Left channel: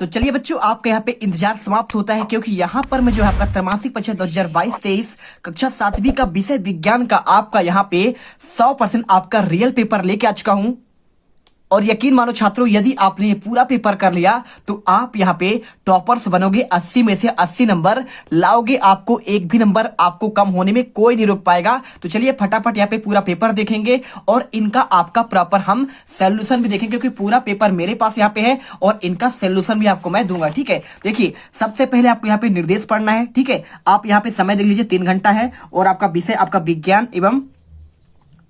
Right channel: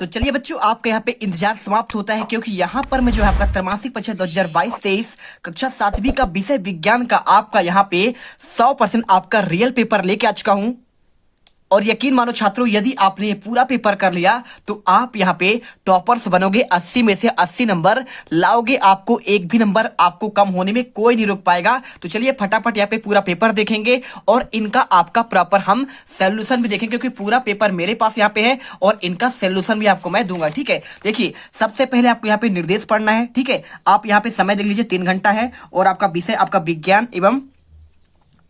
तो चलिए बच्चों, आपका यहाँ पे इंतजार समाप्त होता है, क्योंकि यहाँ पर मैं जो है आपका त्रैमासिक परीक्षा 2022-23 कक्षा 7वीं का विषय विज्ञान का आपका यहाँ पे 100% आपका रियल पेपर लेके आ चुका हूँ। और यकीन मानो छात्रों, यदि आपने ये पूरा पेपर कर लिया तो आप यहाँ पे टॉपर्स बनोगे। 80 में से 80 नंबर लाओगे, आपको एक भी नंबर आपको कम होने में कोई नहीं रोक पाएगा। तो चलिए फटाफट यहाँ पे पूरा पेपर देखेंगे और इनका आपका प्रॉपर हम सोल्यूशन भी देखेंगे, क्योंकि पूरा पेपर मेरे पास यहाँ पे है और इनका सोल्यूशन भी आपको मैं दूंगा। ठीक है, देखिए सबसे पहले आपको यहाँ पे निर्देश पढ़ना है। ठीक है, आप यहाँ पे समय देख लीजिए, 3 घंटा है और आपका विषय आपका विज्ञान एवं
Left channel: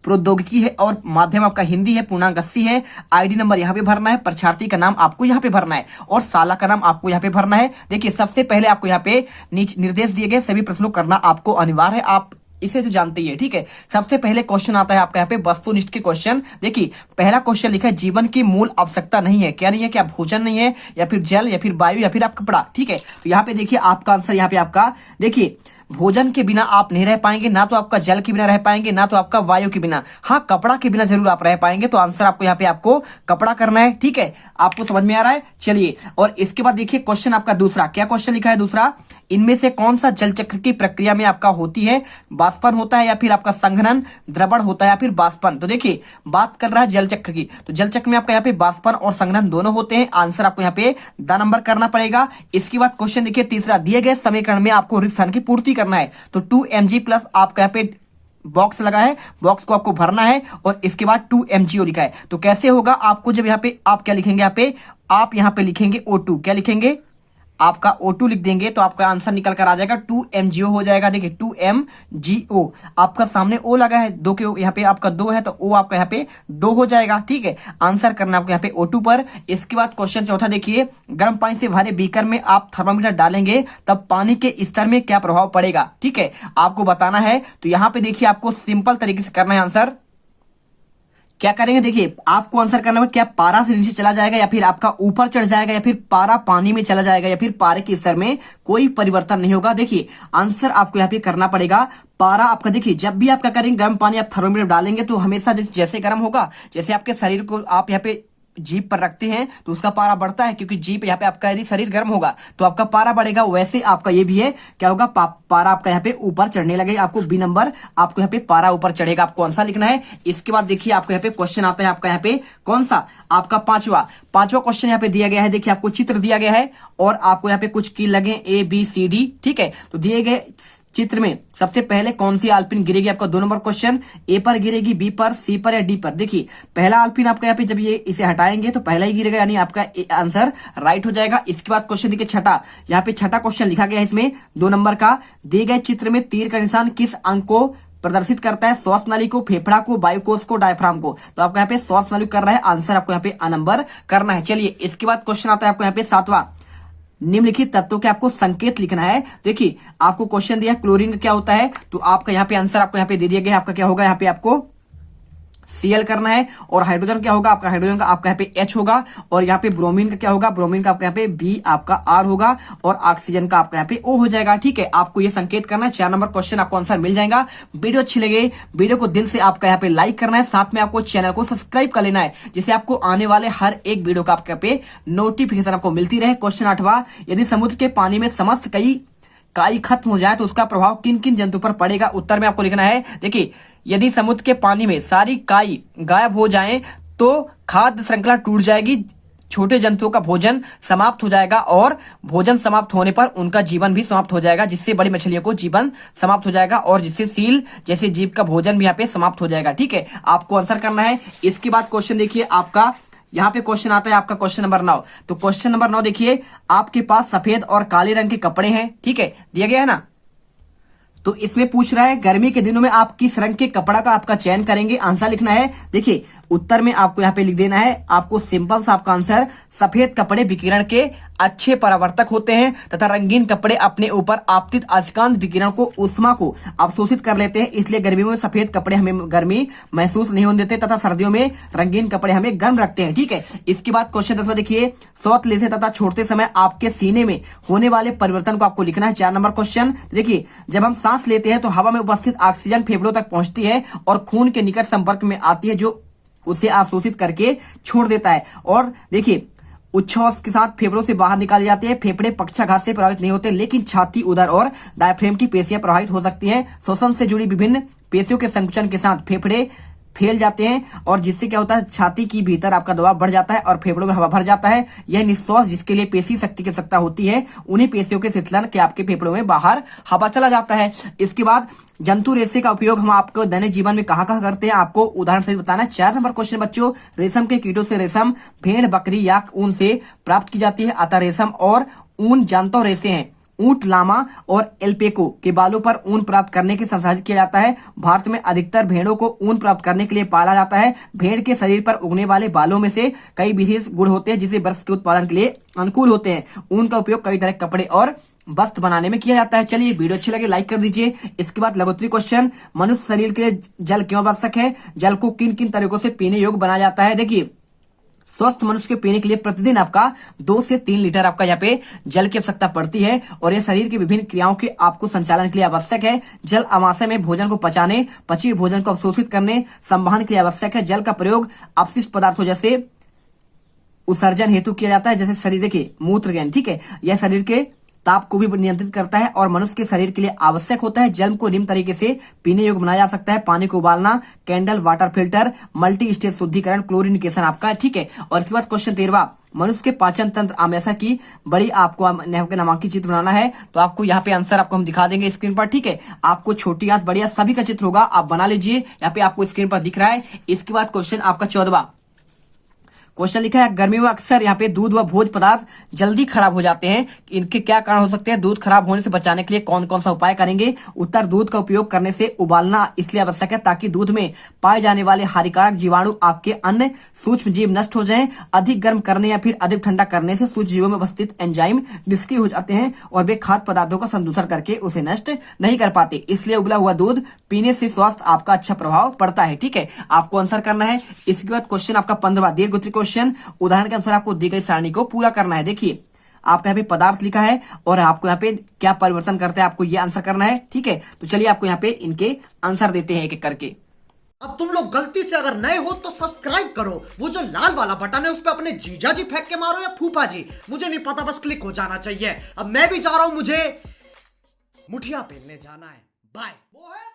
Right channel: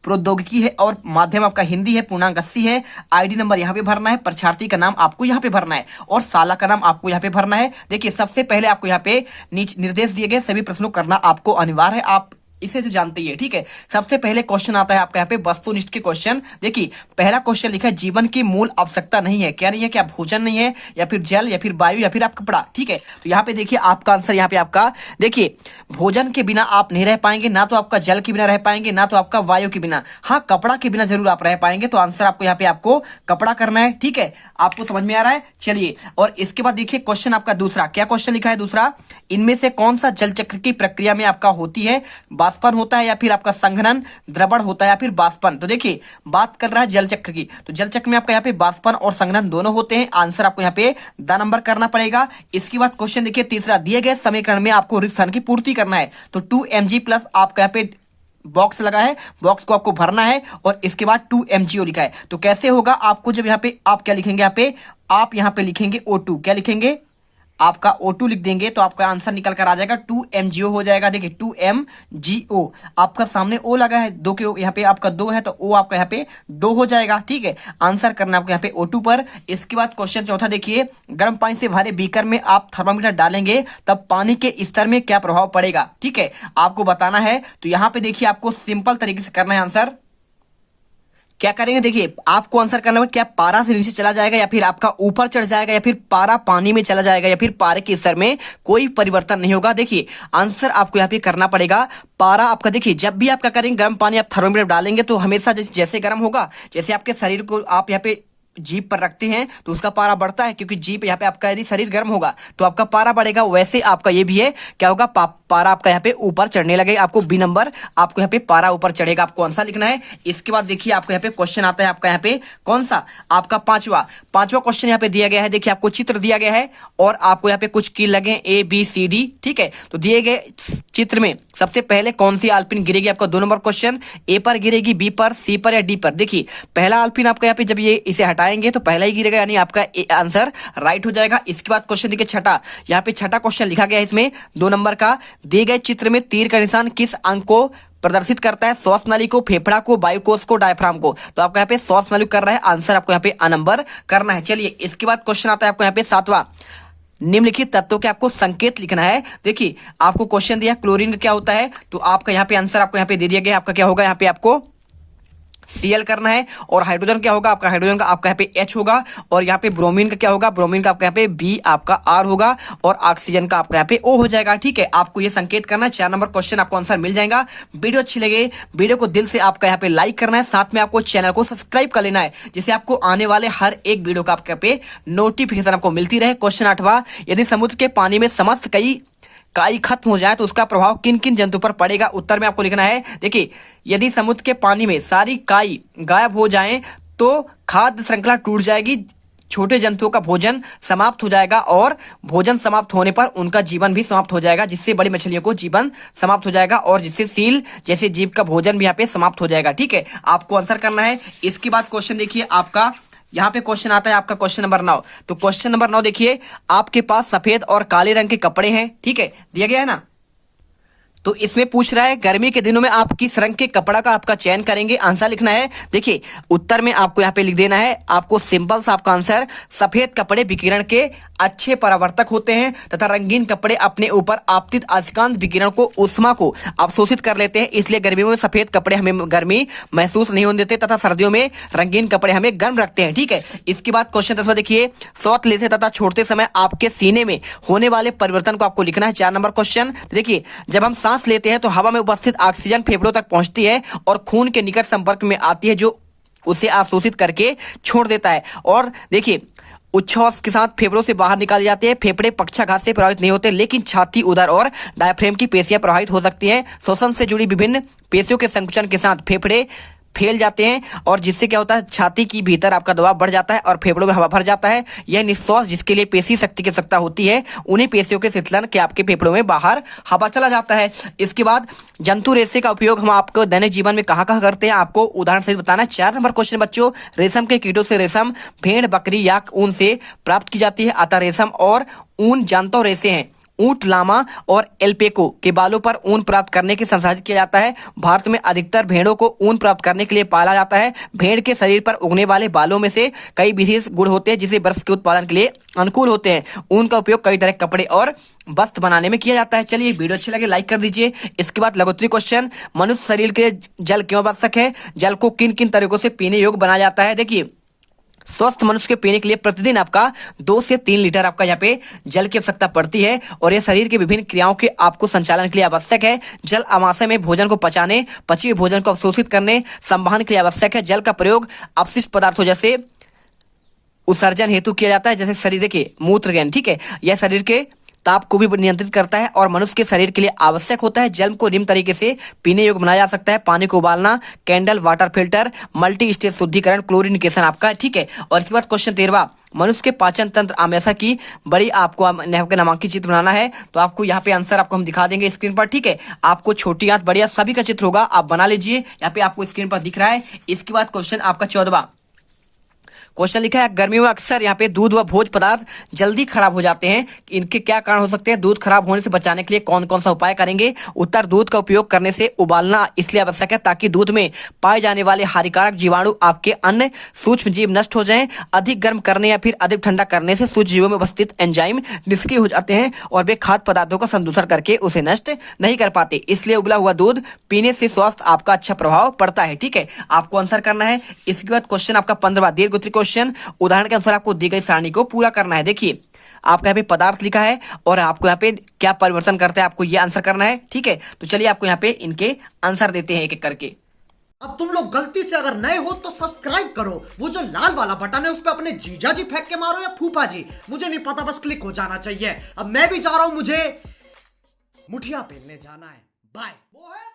प्रौद्योगिकी है और माध्यम आपका हिंदी है, पूर्णांक 80 है। आईडी नंबर यहाँ पे भरना है, परीक्षार्थी का नाम आपको यहाँ पे भरना है और साला का नाम आपको यहाँ पे भरना है। देखिए सबसे पहले आपको यहाँ पे नीचे निर्देश दिए गए सभी प्रश्नों करना आपको अनिवार्य है, आप इसे से जानते ही है। ठीक है, सबसे पहले क्वेश्चन आता है आपका यहाँ पे वस्तुनिष्ठ के क्वेश्चन। देखिए पहला क्वेश्चन लिखा है, जीवन की मूल आवश्यकता नहीं है। क्या नहीं है? क्या भोजन नहीं है, या फिर जल, या फिर वायु, या फिर आप कपड़ा। ठीक है, तो यहाँ पे देखिए आपका आंसर यहाँ पे आपका, देखिए भोजन के बिना आप नहीं रह पाएंगे, ना तो आपका जल के बिना रह पाएंगे, ना तो आपका वायु के बिना। हाँ, कपड़ा के बिना जरूर आप रह पाएंगे। तो आंसर आपको यहाँ पे आपको कपड़ा करना है। ठीक है, आपको समझ में आ रहा है? चलिए, और इसके बाद देखिए क्वेश्चन आपका दूसरा, क्या क्वेश्चन लिखा है दूसरा, इनमें से कौन सा जल चक्र की प्रक्रिया में आपका होती है? बाष्पन होता है, या फिर आपका संघनन, द्रवण होता है, या फिर बाष्पन। तो देखिए बात कर रहा है जल चक्र की, तो जल चक्र में आपका यहाँ पे बाष्पन और संघनन दोनों होते हैं। आंसर आपको यहाँ पे द नंबर करना पड़ेगा। इसके बाद क्वेश्चन देखिए तीसरा, दिए गए समीकरण में आपको रिक्त स्थान की पूर्ति करना है। तो 2mg प्लस आपका यहाँ पे बॉक्स लगा है, बॉक्स को आपको भरना है और इसके बाद 2mgo लिखा है। तो कैसे होगा आपको, जब यहाँ पे आप क्या लिखेंगे, आप यहाँ पे लिखेंगे O2, क्या लिखेंगे, आपका O2 लिख देंगे तो आपका आंसर निकल कर आ जाएगा 2mgo हो जाएगा। देखिए 2mgo, आपका सामने O लगा है, दो के यहाँ पे आपका 2 है तो O आपका यहाँ पे 2 हो जाएगा। ठीक है, आंसर करना आपको यहाँ पे O2 पर। इसके बाद क्वेश्चन चौथा देखिए, गर्म पानी से भरे बीकर में आप थर्मामीटर डालेंगे तब पानी के स्तर में क्या प्रभाव पड़ेगा? ठीक है, आपको बताना है। तो यहाँ पे देखिए आपको सिंपल तरीके से करना है। आंसर क्या करेंगे, देखिए आपको आंसर करना है, क्या पारा से नीचे चला जाएगा, या फिर आपका ऊपर चढ़ जाएगा, या फिर पारा पानी में चला जाएगा, या फिर पारे के स्तर में कोई परिवर्तन नहीं होगा। देखिए आंसर आपको यहाँ पे करना पड़ेगा पारा आपका। देखिए जब भी आप क्या करेंगे, गर्म पानी आप थर्मामीटर डालेंगे तो हमेशा जैसे गर्म होगा, जैसे आपके शरीर को आप यहाँ पे जीप पर रखते हैं तो उसका पारा बढ़ता है, क्योंकि जीप यहाँ पे आपका यदि शरीर गर्म होगा तो आपका पारा बढ़ेगा। वैसे आपका ये भी है, क्या होगा, पारा आपका यहाँ पे ऊपर चढ़ने लगेगा। आपको बी नंबर, आपको यहाँ पे पारा ऊपर चढ़ेगा, आपको आंसर लिखना है। इसके बाद देखिए आपको यहाँ पे क्वेश्चन आता है आपका यहाँ पे कौन सा, आपका पांचवा क्वेश्चन यहाँ पे दिया गया है। देखिए आपको चित्र दिया गया है और आपको यहाँ पे कुछ कील लगे ABCD। ठीक है, तो दिए गए चित्र में सबसे पहले कौन सी आलपिन गिरेगी? आपका 2 नंबर क्वेश्चन, ए पर गिरेगी, बी पर, सी पर, या डी पर। देखिए पहला आलपिन आपका यहाँ पे जब ये इसे हटाएंगे तो पहला ही गिरेगा, यानी आपका आंसर राइट हो जाएगा। इसके बाद क्वेश्चन देखिए छठा, यहाँ पे छठा क्वेश्चन लिखा गया है इसमें 2 नंबर का, दिए गए चित्र में तीर का निशान किस अंग को प्रदर्शित करता है? श्वास नली को, फेफड़ा को, वायुकोश को, डायफ्राम को। तो आपको यहाँ पे श्वास नली कर रहा है, आंसर आपको यहाँ पे A नंबर करना है। चलिए इसके बाद क्वेश्चन आता है आपको यहाँ पे 7वां, निम्नलिखित तत्वों के आपको संकेत लिखना है। देखिए आपको क्वेश्चन दिया क्लोरीन क्या होता है, तो आपका यहाँ पे आंसर आपको यहाँ पे दे दिया गया, आपका क्या होगा, यहाँ पे आपको Cl करना है। और हाइड्रोजन क्या होगा, आपका हाइड्रोजन का आपका यहाँ पे H होगा। और यहाँ पे ब्रोमीन का क्या होगा, ब्रोमीन का आपका यहाँ पे B, आपका R होगा। और ऑक्सीजन का आपका यहाँ पे O हो जाएगा। ठीक है, आपको ये संकेत करना है। 4 नंबर क्वेश्चन आपको आंसर मिल जाएगा। वीडियो अच्छी लगे, वीडियो को दिल से आपका यहाँ पे लाइक करना है, साथ में आपको चैनल को सब्सक्राइब कर लेना है, जिससे आपको आने वाले हर एक वीडियो का आपके यहाँ पे नोटिफिकेशन आपको मिलती रहे। क्वेश्चन 8वां, यदि समुद्र के पानी में समस्त काई खत्म हो जाए तो उसका प्रभाव किन किन जंतु पर पड़ेगा? उत्तर में आपको लिखना है। देखिए यदि समुद्र के पानी में सारी काई गायब हो जाए तो खाद्य श्रृंखला टूट जाएगी, छोटे जंतुओं का भोजन समाप्त हो जाएगा, और भोजन समाप्त होने पर उनका जीवन भी समाप्त हो जाएगा, जिससे बड़ी मछलियों को जीवन समाप्त हो जाएगा, और जिससे सील जैसे जीव का भोजन भी यहाँ पे समाप्त हो जाएगा। ठीक है, आपको आंसर करना है। इसके बाद क्वेश्चन देखिए आपका यहाँ पे क्वेश्चन आता है आपका क्वेश्चन नंबर 9। तो क्वेश्चन नंबर 9 देखिए, आपके पास सफेद और काले रंग के कपड़े हैं। ठीक है, दिया गया है ना, तो इसमें पूछ रहा है गर्मी के दिनों में आप किस रंग के कपड़ा का आपका चयन करेंगे? आंसर लिखना है। देखिए उत्तर में आपको यहाँ पे लिख देना है, आपको सिंपल सा आपका आंसर, सफेद कपड़े विकिरण के अच्छे परावर्तक होते हैं तथा रंगीन कपड़े अपने ऊपर आपतित अयस्कांत विकिरण को, उष्मा को अवशोषित कर लेते हैं, इसलिए गर्मियों में सफेद कपड़े हमें गर्मी महसूस नहीं होने देते तथा सर्दियों में रंगीन कपड़े हमें गर्म रखते हैं। ठीक है, इसके बाद क्वेश्चन 10वां देखिए, श्वास लेते तथा छोड़ते समय आपके सीने में होने वाले परिवर्तन को आपको लिखना है। 4 नंबर क्वेश्चन देखिए, जब हम सांस लेते हैं तो हवा में उपस्थित ऑक्सीजन फेफड़ों तक पहुंचती है और खून के निकट संपर्क में आती है, जो उसे अवशोषित करके छोड़ देता है। और देखिए उच्छ्वास के साथ फेफड़ों से बाहर निकाले जाते हैं। फेफड़े पक्षाघात से प्रभावित नहीं होते, लेकिन छाती, उदर और डायफ्रेम की पेशियां प्रभावित हो सकती हैं। श्वसन से जुड़ी विभिन्न पेशियों के संकुचन के साथ फेफड़े फैल जाते हैं और जिससे क्या होता है, छाती की भीतर आपका दबाव बढ़ जाता है और फेफड़ों में हवा भर जाता है। यह निश्वास जिसके लिए पेशी शक्ति की आवश्यकता होती है, उन्हीं पेशियों के शिथिलन के आपके फेफड़ों में बाहर हवा चला जाता है। इसके बाद जंतु रेशे का उपयोग हम आपको दैनिक जीवन में कहाँ कहाँ करते हैं, आपको उदाहरण से बताना है। 4 नंबर क्वेश्चन बच्चों, रेशम के कीटों से रेशम भेड़, बकरी या ऊन से प्राप्त की जाती है। अतः रेशम और ऊन जंतु रेशे हैं। ऊंट, लामा और एल्पेको के बालों पर ऊन प्राप्त करने के संसाधित किया जाता है। भारत में अधिकतर भेड़ों को ऊन प्राप्त करने के लिए पाला जाता है। भेड़ के शरीर पर उगने वाले बालों में से कई विशेष गुण होते हैं जिसे वस्त्र के उत्पादन के लिए अनुकूल होते हैं। ऊन का उपयोग कई तरह के कपड़े और वस्त्र बनाने में किया जाता है। चलिए, वीडियो अच्छी लगे लाइक कर दीजिए। इसके बाद लघुत्तरी क्वेश्चन, मनुष्य शरीर के जल क्यों आवश्यक है? जल को किन किन तरीकों से पीने योग्य बनाया जाता है? देखिए, स्वस्थ मनुष्य के पीने के लिए प्रतिदिन आपका 2 से 3 लीटर आपका यहाँ पे जल की आवश्यकता पड़ती है और ये शरीर के विभिन्न क्रियाओं के आपको संचालन के लिए आवश्यक है। जल आमाशय में भोजन को पचाने, पचे हुए भोजन को अवशोषित करने, संवहन के लिए आवश्यक है। जल का प्रयोग अपशिष्ट पदार्थों जैसे उत्सर्जन हेतु किया जाता है, जैसे शरीर, देखिए मूत्र ज्ञान, ठीक है, यह शरीर के ताप को भी नियंत्रित करता है और मनुष्य के शरीर के लिए आवश्यक होता है। जल को निम्न तरीके से पीने योग्य बनाया जा सकता है: पानी को उबालना, candle water filter, multi stage शुद्धिकरण, क्लोरिनिकेशन आपका, ठीक है। और इसके बाद क्वेश्चन 13वां, मनुष्य के पाचन तंत्र आमेशा की बड़ी आपको नामांकित चित्र बनाना है। तो आपको यहाँ पे आंसर आपको हम दिखा देंगे स्क्रीन पर, ठीक है। आपको छोटी हाथ, बड़ी हाथ सभी का चित्र होगा, आप बना लीजिए, यहाँ पे आपको स्क्रीन पर दिख रहा है। इसके बाद क्वेश्चन आपका 14वां क्वेश्चन लिखा है, गर्मियों में अक्सर यहाँ पे दूध व भोज्य पदार्थ जल्दी खराब हो जाते हैं, इनके क्या कारण हो सकते हैं? दूध खराब होने से बचाने के लिए कौन कौन सा उपाय करेंगे? उत्तर, दूध का उपयोग करने से उबालना इसलिए आवश्यक है ताकि दूध में पाए जाने वाले हानिकारक जीवाणु आपके अन्य सूक्ष्म जीव नष्ट हो जाएं। अधिक गर्म करने या फिर अधिक ठंडा करने से सूक्ष्म जीवों में उपस्थित एंजाइम निष्क्रिय हो जाते हैं और वे खाद्य पदार्थों का संदूषण करके उसे नष्ट नहीं कर पाते, इसलिए उबला हुआ दूध पीने से स्वास्थ्य आपका अच्छा प्रभाव पड़ता है, ठीक है। आपको आंसर करना है। इसके बाद क्वेश्चन आपका 15वां दीर्घ क्वेश्चन, उदाहरण के अनुसार आपको दी गई सारणी को पूरा करना है। देखिए, आपका यहाँ पे पदार्थ लिखा है और आपको यहाँ पे क्या परिवर्तन करता है, आपको ये आंसर करना है, ठीक है। तो चलिए आपको यहाँ पे इनके आंसर देते हैं एक एक करके। अब तुम लोग गलती से अगर नए हो तो सब्सक्राइब करो, वो जो लाल वाला बटन है उस पे अपने जीजा जी फेंक के मारो या फूफा जी, मुझे नहीं पता, बस क्लिक हो जाना चाहिए। अब मैं भी जा रहा हूं, मुझे मुठिया पेलने जाना है। बाय। वो है